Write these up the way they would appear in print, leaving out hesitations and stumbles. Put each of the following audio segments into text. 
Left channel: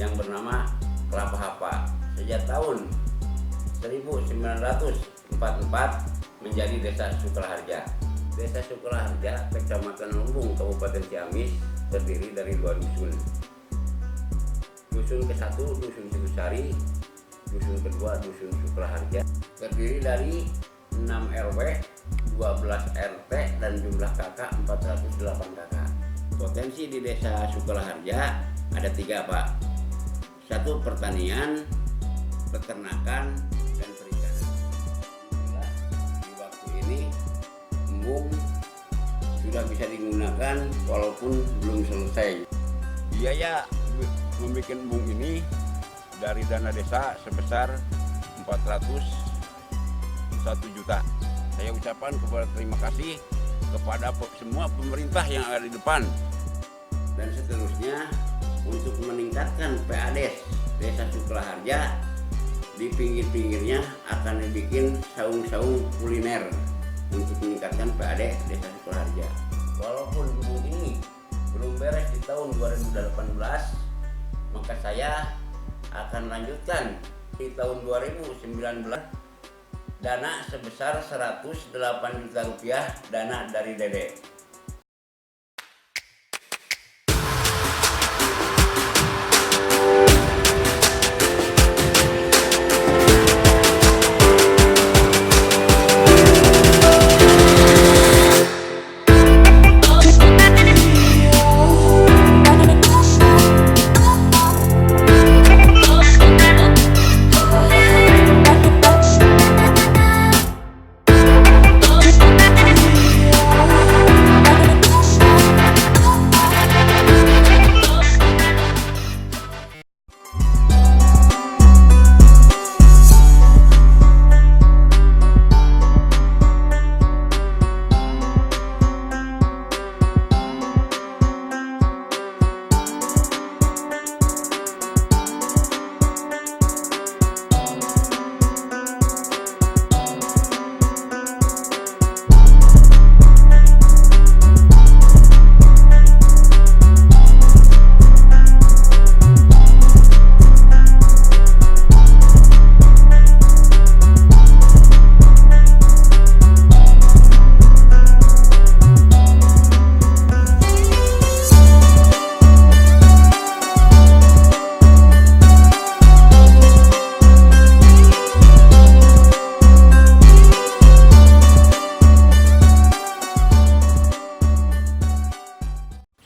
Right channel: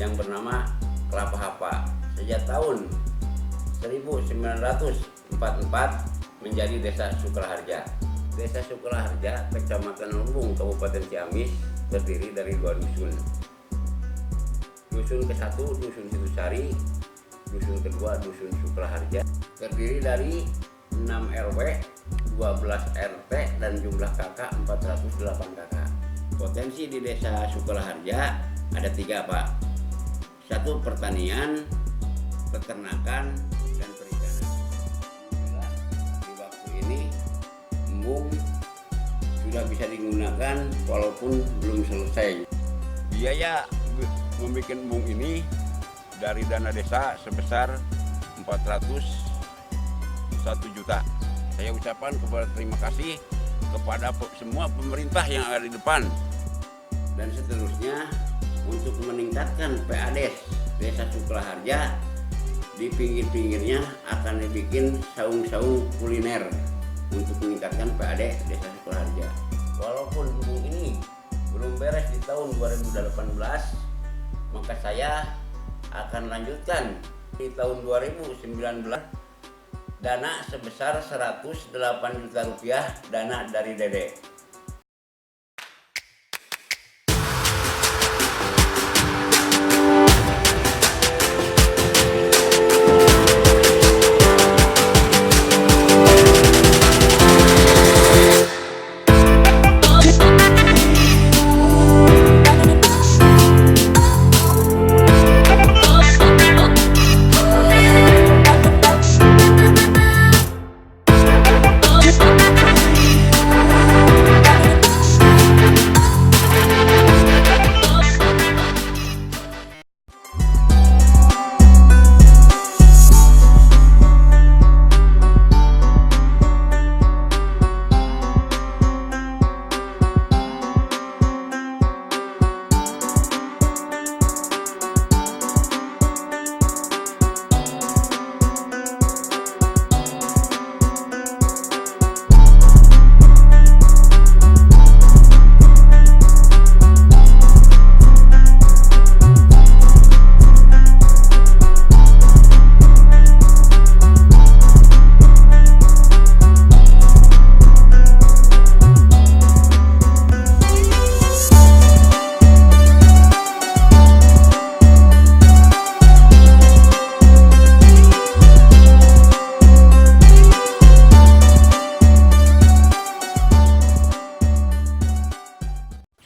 yang bernama Kelapa Hapa. Sejak tahun 1944 menjadi Desa Sukraharja. Desa Sukraharja, Kecamatan Lumbung, Kabupaten Ciamis, terdiri dari 2 dusun. Dusun ke-1 Dusun Situsari, dusun kedua Dusun Sukraharja. Terdiri dari 6 RW, 12 RT, dan jumlah kakak 408 kakak. Potensi di Desa Sukraharja ada 3, Pak. 1, pertanian, peternakan, dan perikanan. Alhamdulillah di waktu ini embung sudah bisa digunakan walaupun belum selesai. Biaya membuat embung ini dari dana desa sebesar 401 juta. Saya ucapkan terima kasih kepada semua pemerintah yang ada di depan. Dan seterusnya untuk meningkatkan PADES Desa Sukraharja, di pinggir-pinggirnya akan dibikin saung-saung kuliner untuk meningkatkan PAD Desa Sukraharja. Walaupun embung ini belum beres di tahun 2018, maka saya akan lanjutkan di tahun 2019 dana sebesar 108 juta rupiah dana dari Dede.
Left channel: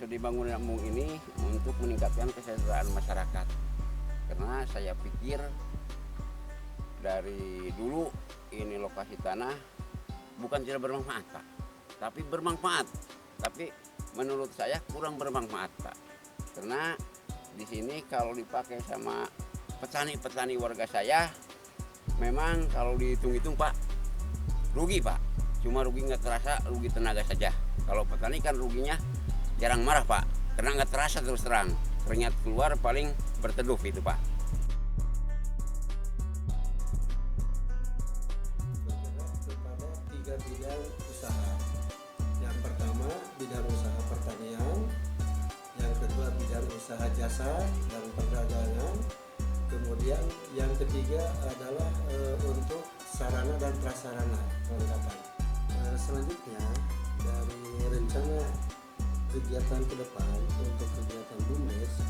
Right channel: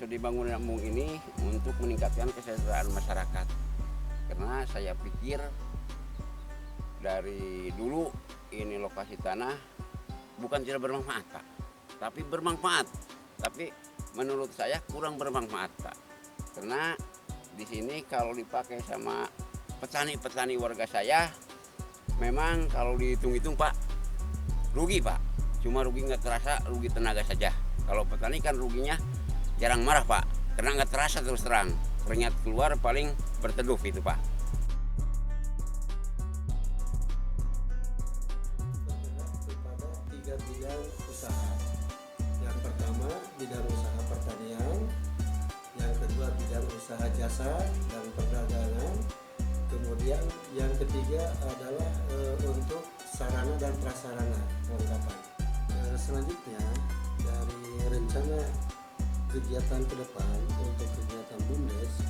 Dibangun embung ini untuk meningkatkan kesejahteraan masyarakat, karena saya pikir dari dulu ini lokasi tanah bukan tidak bermanfaat, Pak, tapi bermanfaat, tapi menurut saya kurang bermanfaat, Pak, karena di sini kalau dipakai sama petani-petani warga saya, memang kalau dihitung-hitung, Pak, rugi, Pak, cuma rugi nggak terasa, rugi tenaga saja. Kalau petani kan ruginya jarang marah, Pak, karena nggak terasa terus terang, keringat keluar paling berteduh itu, Pak. Bergerak kepada 3 bidang usaha. Yang pertama bidang usaha pertanian, yang kedua bidang usaha jasa dan perdagangan, kemudian yang ketiga adalah untuk sarana dan prasarana perlengkapan. Selanjutnya dari rencana kegiatan ke depan untuk kegiatan BUMDes,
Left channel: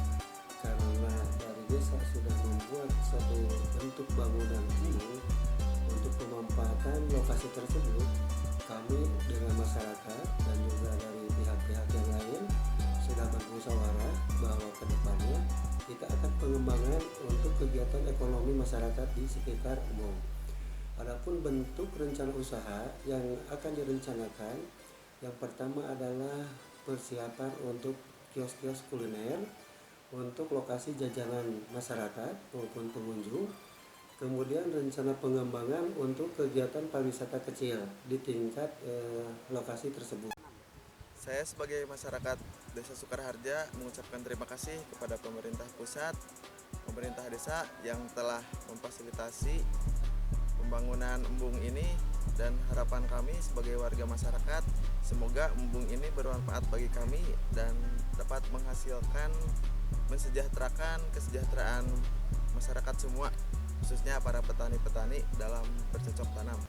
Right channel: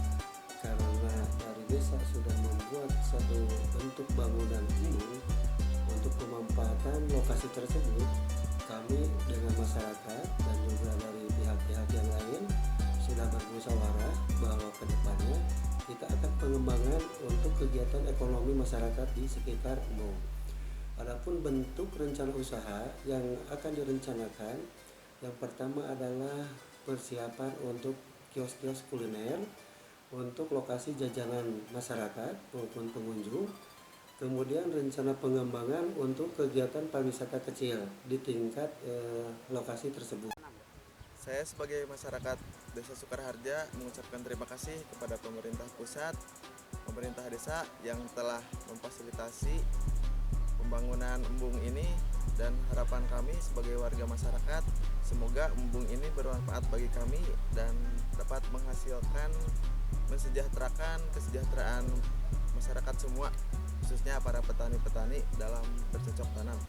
karena dari desa sudah membuat satu bentuk bangunan embung untuk pemanfaatan lokasi tersebut, kami dengan masyarakat dan juga dari pihak-pihak yang lain sudah bermusyawarah bahwa ke depannya kita akan pengembangan untuk kegiatan ekonomi masyarakat di sekitar embung. Adapun bentuk rencana usaha yang akan direncanakan, yang pertama adalah persiapan untuk kios-kios kuliner untuk lokasi jajanan masyarakat maupun pengunjung. Kemudian rencana pengembangan untuk kegiatan pariwisata kecil di tingkat lokasi tersebut. Saya sebagai masyarakat Desa Sukraharja mengucapkan terima kasih kepada pemerintah pusat, pemerintah desa yang telah memfasilitasi pembangunan embung ini, dan harapan kami sebagai warga masyarakat, semoga embung ini bermanfaat bagi kami dan dapat menghasilkan mensejahterakan kesejahteraan masyarakat semua, khususnya para petani-petani dalam bercocok tanam.